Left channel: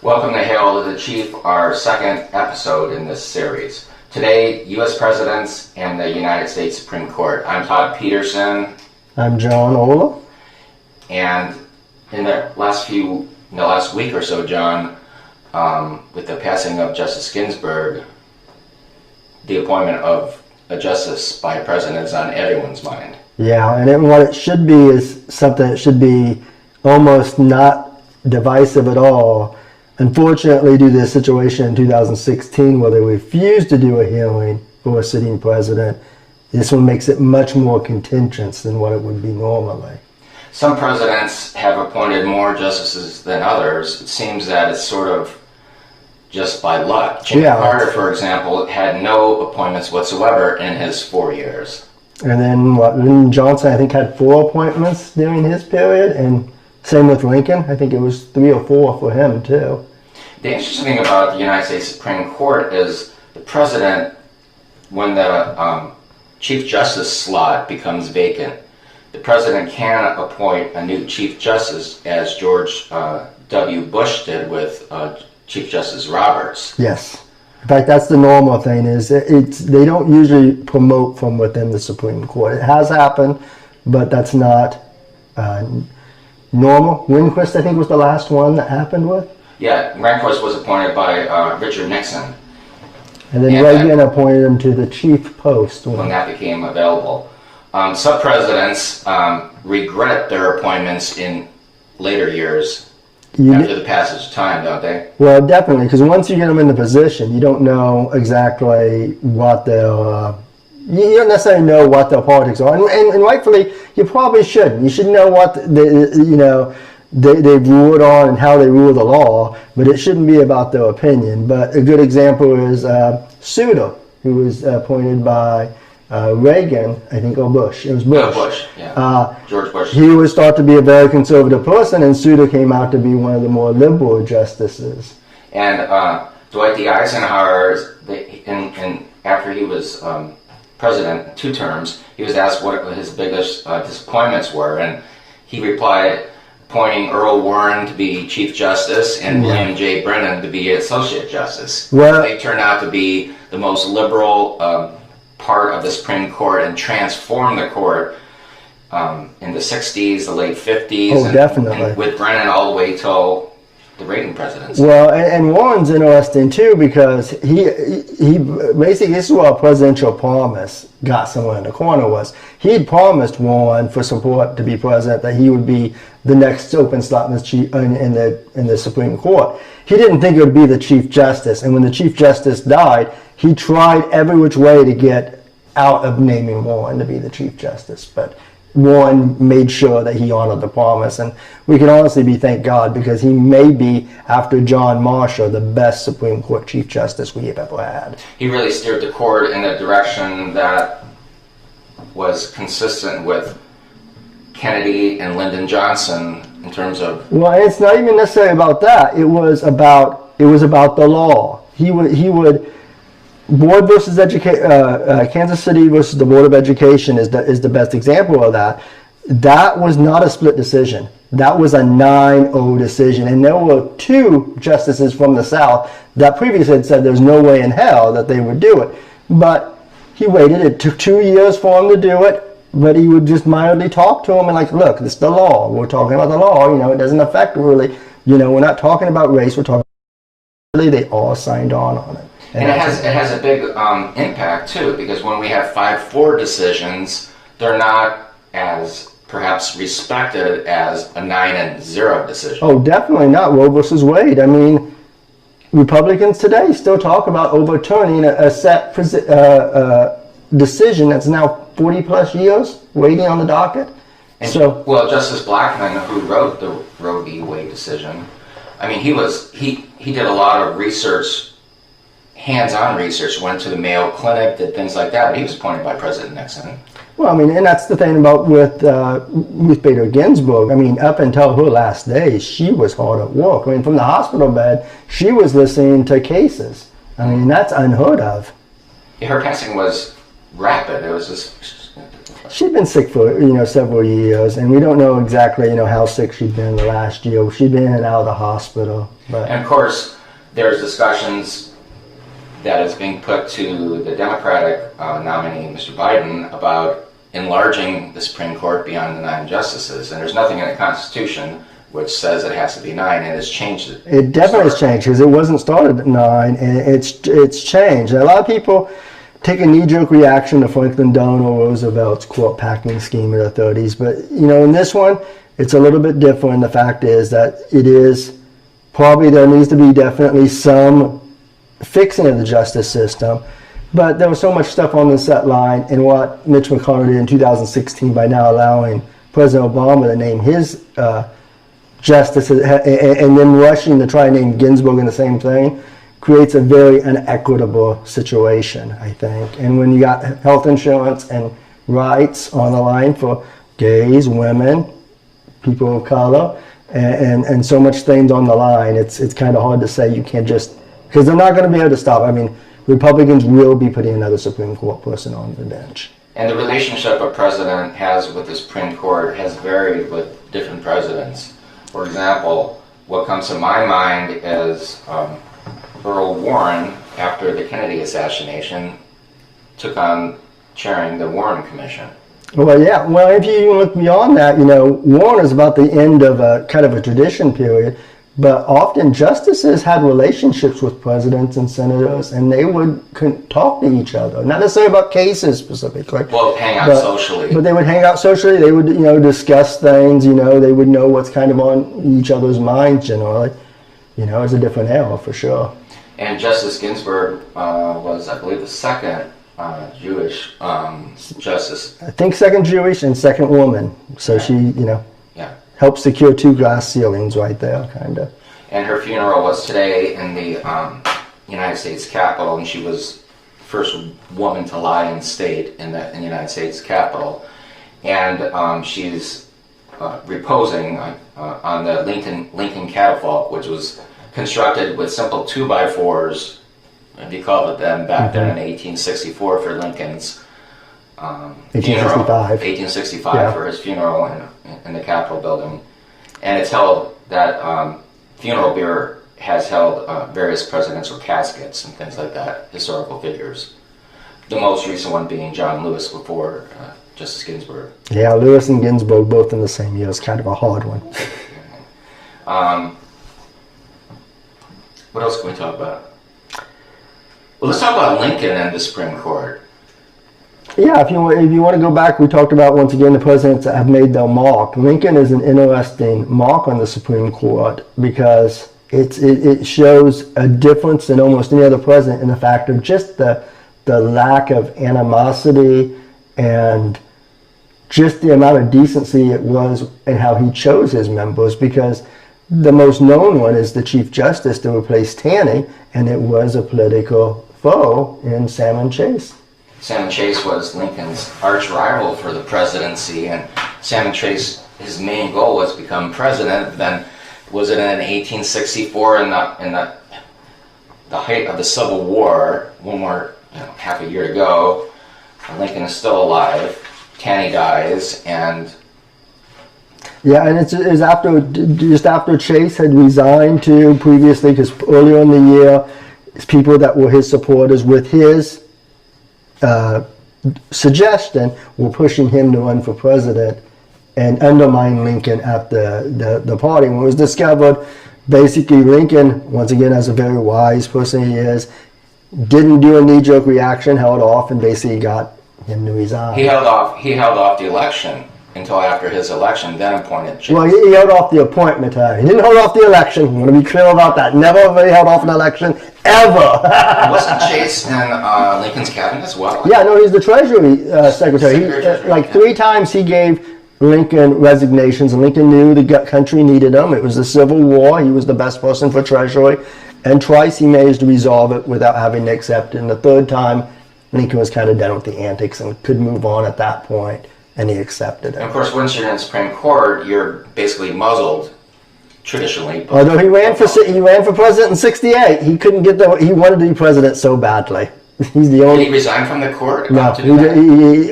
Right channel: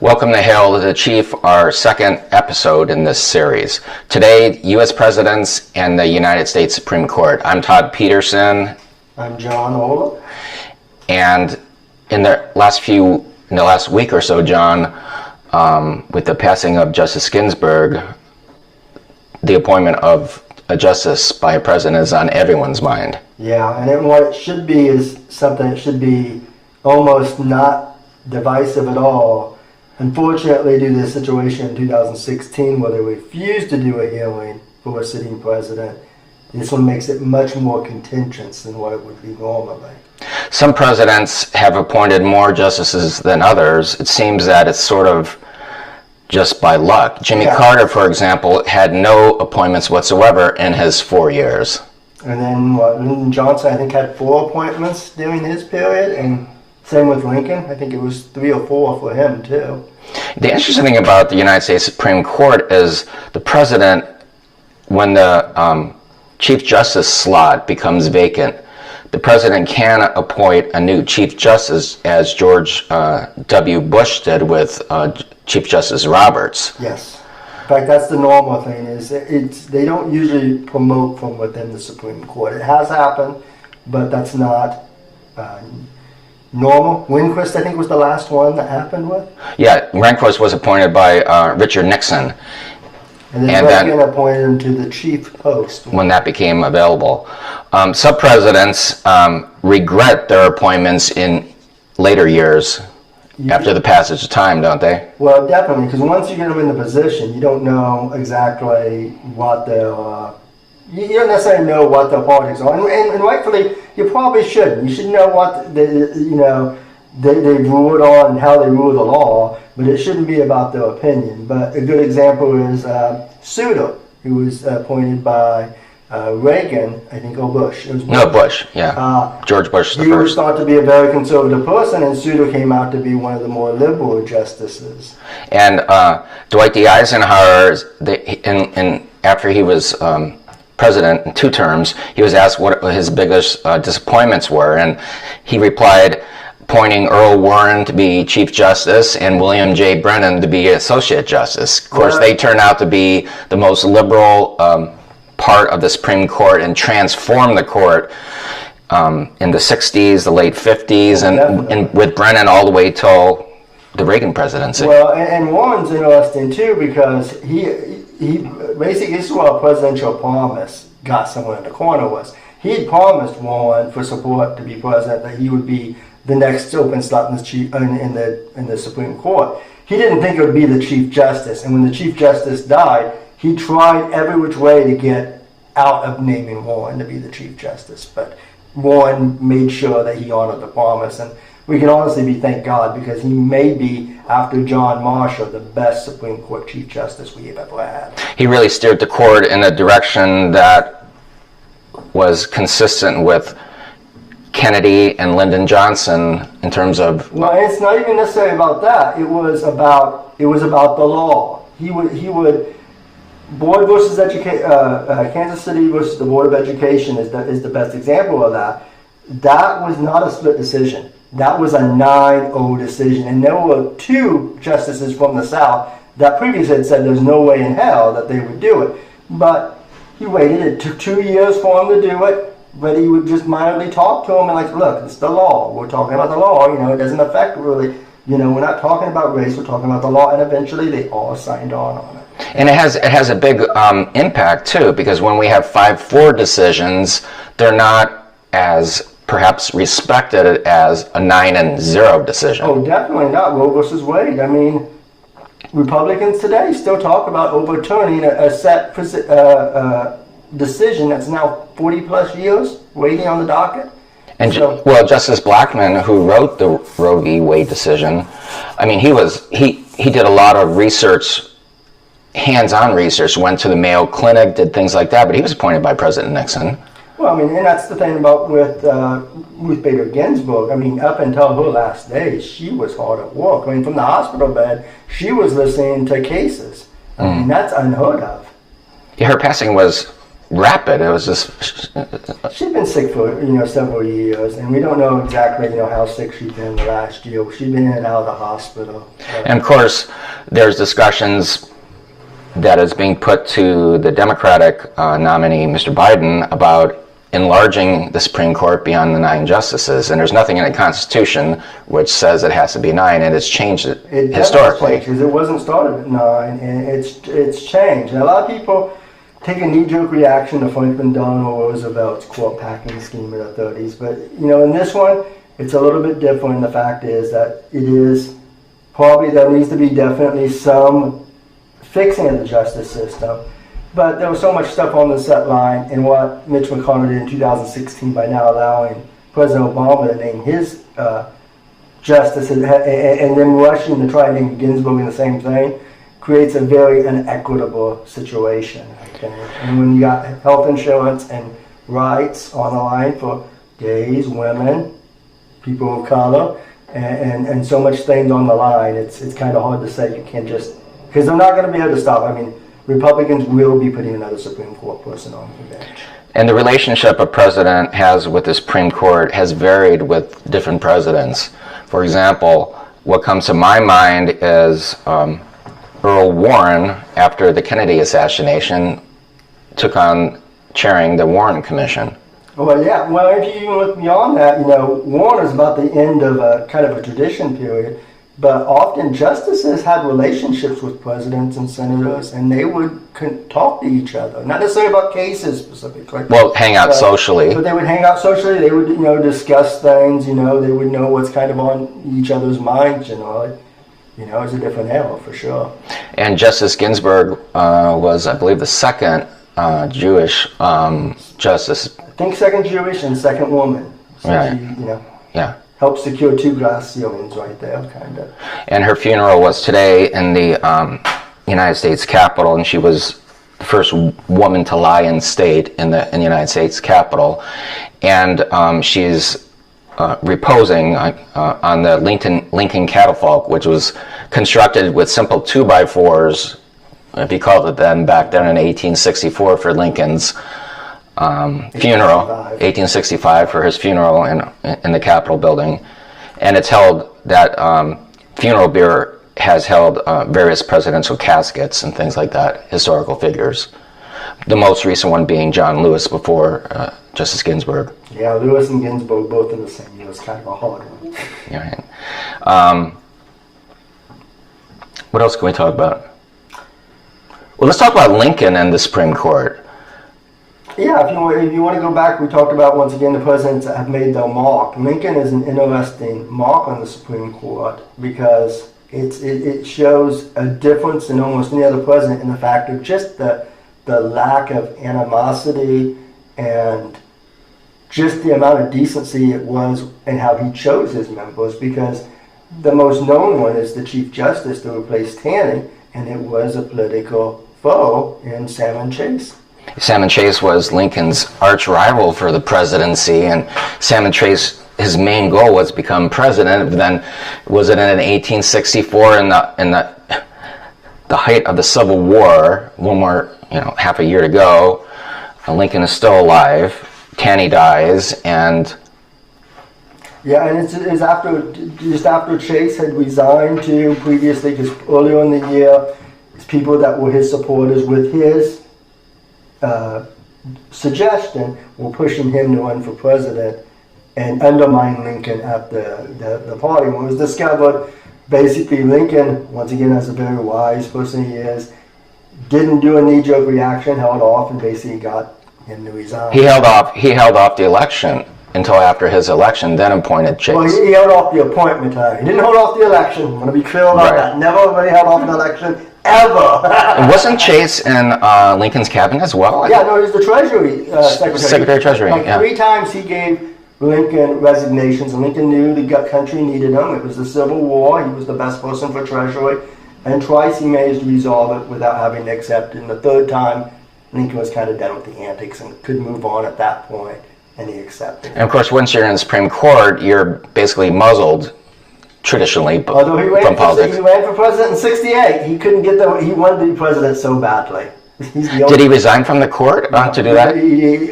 Welcome to Hail to the Chief, our second episode in this series. Today, U.S. Presidents and the United States Supreme Court. I'm Todd Peterson. I'm John Ola. And in the last week or so, John, with the passing of Justice Ginsburg, the appointment of a justice by a president is on everyone's mind. Yeah, and what it should be is something that should be almost not divisive at all. Unfortunately, due to the situation in 2016 where they refused to do a hearing for a sitting president, this one makes it much more contentious than what it would be normally. Some presidents have appointed more justices than others. It seems that it's sort of just by luck. Jimmy Carter, for example, had no appointments whatsoever in his 4 years. And then Lyndon Johnson, I think, had 4 appointments during his period, and same with Lincoln. I think it was 3 or 4 for him, too. The interesting thing about the United States Supreme Court is the president, when the Chief Justice slot becomes vacant, the president can appoint a new Chief Justice, as George W. Bush did with Chief Justice Roberts. Yes. In fact, that's the normal thing. They don't usually promote from within the Supreme Court. It has happened, but that's not normal. Rehnquist, I think, was the last one that happened with. Yeah, Rehnquist was appointed by Richard Nixon. And then Reagan appointed him to the chief post. When that became available. Some presidents regret their appointments in later years after the passage of time, don't they? Well, definitely, because once you get them in the position, you don't know exactly what their you don't necessarily know what their politics are, and rightfully, you probably shouldn't. You should know what they've ruled on and how they rule the law, but it shouldn't be about their opinion. But a good example is Souter, who was appointed by Reagan, I think, or Bush. It was Bush. No, Bush, yeah. George Bush. He was thought to be a very conservative person, and Souter came out to be one of the more liberal justices. And Dwight D. Eisenhower, after he was president in 2 terms, he was asked what his biggest disappointments were, and he replied, appointing Earl Warren to be Chief Justice and William J. Brennan to be Associate Justice. Of course, they turned out to be the most liberal part of the Supreme Court and transformed the court in the 60s, the late 50s, and with Brennan all the way till the Reagan presidency. Well, and Warren's interesting too, because he basically, this is what a presidential promise got someone in the corner was. He had promised Warren for support to be president that he would be the next open slot in the Supreme Court. He didn't think it would be the Chief Justice, and when the Chief Justice died, he tried every which way to get out of naming Warren to be the Chief Justice, but Warren made sure that he honored the promise, and we can honestly be thank God, because he may be, after John Marshall, the best Supreme Court Chief Justice we have ever had. He really steered the court in a direction that was consistent with Kennedy and Lyndon Johnson in terms of... Well, it's not even necessarily about that. It was about the law. He would Board versus Kansas City versus the Board of Education is the best example of that. That was not a split decision. That was a 9-0 decision, and there were 2 justices from the South that previously had said there's no way in hell that they would do it. But he waited. It took 2 years for him to do it, but he would just mildly talk to him and like, look, it's the law. We're talking about the law. It doesn't affect really. We're not talking about race. We're talking about the law, and eventually they all signed on it. And it has a big impact too, because when we have 5-4 decisions, they're not as perhaps respected as a 9-0 decision. Oh, definitely not. Roe versus Wade. I mean, Republicans today still talk about overturning a set decision that's now 40 plus years waiting on the docket. And Justice Blackmun, who wrote the Roe v. Wade decision, I mean, he did a lot of research, hands-on research, went to the Mayo Clinic, did things like that, but he was appointed by President Nixon. Well, I mean, and that's the thing about with Ruth Bader Ginsburg. I mean, up until her last days, she was hard at work. I mean, from the hospital bed, she was listening to cases. I mean, that's unheard of. Yeah, her passing was rapid. It was just She'd been sick for several years, and we don't know exactly how sick she'd been the last year. She'd been in and out of the hospital. But. And of course, there's discussions that is being put to the Democratic nominee, Mr. Biden, about enlarging the Supreme Court beyond the 9 justices. And there's nothing in the Constitution which says it has to be 9, and it's changed it. It definitely has changed, because it wasn't started at 9, and it's changed. And a lot of people take a knee-jerk reaction to Franklin Delano Roosevelt's court packing scheme in the 30s. But, in this one, it's a little bit different. The fact is that it is probably, there needs to be definitely some fixing of the justice system. But there was so much stuff on the set line, and what Mitch McConnell did in 2016 by now allowing President Obama to name his justices and then rushing to try and name Ginsburg in the same thing creates a very inequitable situation, I think. And when you got health insurance and rights on the line for gays, women, people of color, and so much things on the line, it's kind of hard to say you can't just, because they're not going to be able to stop. I mean, Republicans will be putting another Supreme Court person on the bench. And the relationship a president has with the Supreme Court has varied with different presidents. For example, what comes to my mind is Earl Warren, after the Kennedy assassination, took on chairing the Warren Commission. Well, yeah. Well, if you look beyond that, Warren is about the end of a kind of a tradition period. But often justices had relationships with presidents and senators, and they would talk to each other. Not necessarily about cases specifically. Well, hang out socially. But they would hang out socially. They would, discuss things. They would know what's kind of on each other's minds generally. It's a different era for sure. And Justice Ginsburg was, I believe, the second Jewish justice. I think second Jewish and second woman. So right. She, Yeah. helped secure 2 glass ceilings right there, kind of. And her funeral was today in the United States Capitol, and she was the first woman to lie in state in the United States Capitol. And she's reposing on the Lincoln catafalque, which was constructed with simple 2x4s, if you call it them, back then in 1864 for Lincoln's funeral, 1865 for his funeral in the Capitol building. And it's held, that funeral bier has held various presidential caskets and things like that, historical figures. The most recent one being John Lewis before Justice Ginsburg. Yeah, Lewis and Ginsburg both in the same year is kind of a hard one. Yeah. What else can we talk about? Well, let's talk about Lincoln and the Supreme Court. Yeah, if you want to go back, we talked about, once again, the presidents that have made their mark. Lincoln is an interesting mark on the Supreme Court because it shows a difference in almost any other president in the fact of just the lack of animosity and just the amount of decency it was in how he chose his members, because the most known one is the Chief Justice to replace Taney, and it was a political foe in Salmon Chase. Salmon Chase was Lincoln's arch rival for the presidency, and Salmon Chase, his main goal was to become president. But then, was it in 1864 in the height of the Civil War, one more, half a year to go, Lincoln is still alive, Taney dies, and yeah, and it's just after Chase had resigned too previously, because earlier in the year, people that were his supporters with his suggestion were pushing him to run for president and undermine Lincoln at the party. When it was discovered, basically Lincoln, once again, as a very wise person he is, didn't do a knee-jerk reaction, held off, and basically got him to resign. He held off the election until after his election, then appointed Chase. Well, he held off the appointment. He didn't hold off the election. I'm going to be clear about that. Never really held off an election, ever. And wasn't Chase in Lincoln's cabinet as well? Yeah, no, he was the Treasury Secretary. Secretary of Treasury, 3 times he gave Lincoln resignations, and Lincoln knew the country needed him. It was the Civil War. He was the best person for Treasury. And twice he managed to resolve it without having to accept it. And the 3rd time, Lincoln was kind of done with the antics and could move on at that point. And he accepted it. And of course, once you're in the Supreme Court, you're basically muzzled traditionally. Although he ran for president in '68, he couldn't get he wanted to be president so badly. He's the Did only. he resign from the court to do that?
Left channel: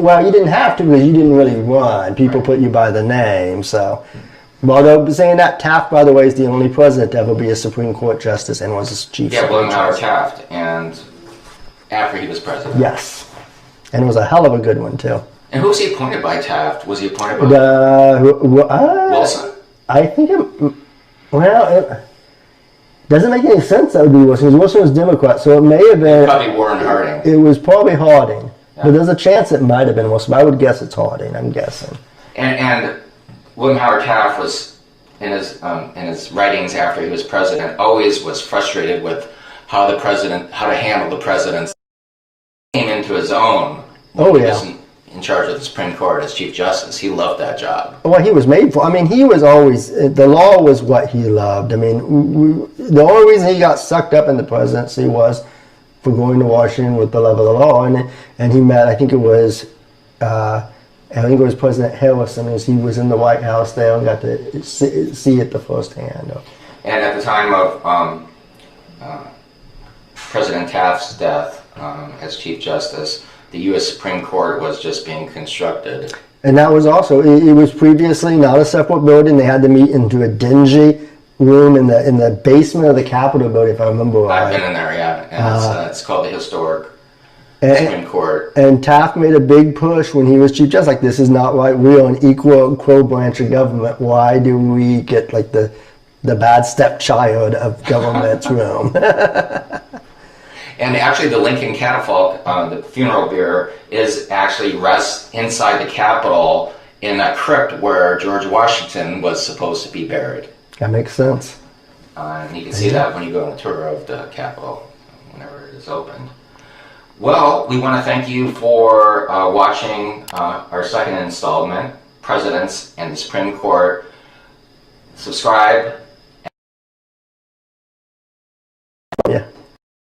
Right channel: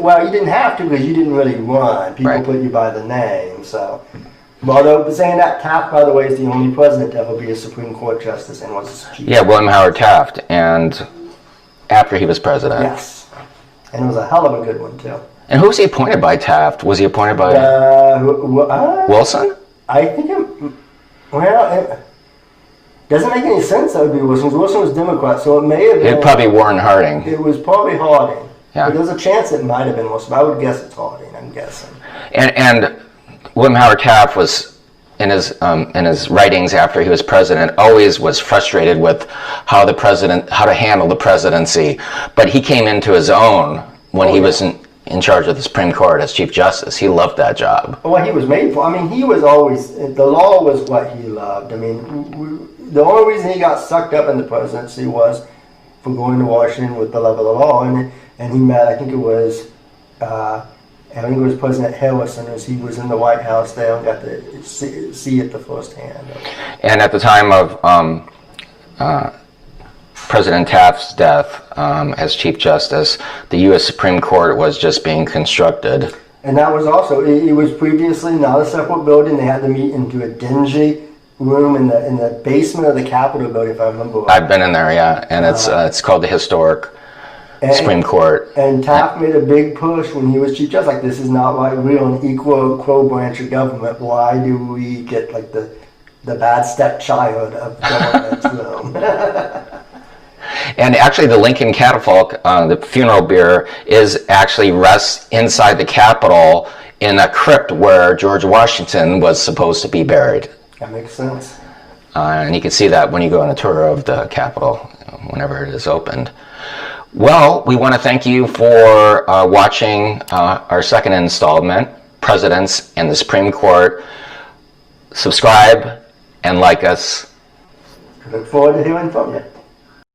Well, you didn't have to because you didn't really run. People Right. put you by the name. So, although saying that, Taft, by the way, is the only president to ever be a Supreme Court justice and was a chief. Yeah, William Howard Taft, and after he was president. Yes, and it was a hell of a good one too. And who was he appointed by, Taft? Was he appointed by Wilson? I think it doesn't make any sense that would be Wilson. Wilson was Democrat, so it may have been. Probably Warren Harding. It was probably Harding. Yeah. But there's a chance it might have been Wilson. But I would guess it's Harding. I'm guessing. And William Howard Taft was in his writings after he was president always was frustrated with how to handle the presidency, but he came into his own when he was in charge of the Supreme Court as Chief Justice. He loved that job. What he was made for. I mean, he was always, the law was what he loved. I mean, the only reason he got sucked up in the presidency was for going to Washington with the love of the law, and he met, I think it was President Harrison, as he was in the White House there and got to see it the first hand. And at the time of President Taft's death as Chief Justice, the U.S. Supreme Court was just being constructed. And that was also, it was previously not a separate building. They had to meet into a dingy room in the basement of the Capitol building, if I remember right. I've been in there, yeah, and it's called the historic Supreme Court. And Taft made a big push when he was Chief Justice, like, this is not right. We're an equal branch of government. Why do we get like the bad stepchild of government's room? And actually, the Lincoln catafalque, the funeral bier, rests inside the Capitol in a crypt where George Washington was supposed to be buried. That makes sense. And you can see that when you go on a tour of the Capitol, whenever it is opened. Well, we want to thank you for watching our second installment, Presidents and the Supreme Court. Subscribe and like us. Look forward to hearing from you.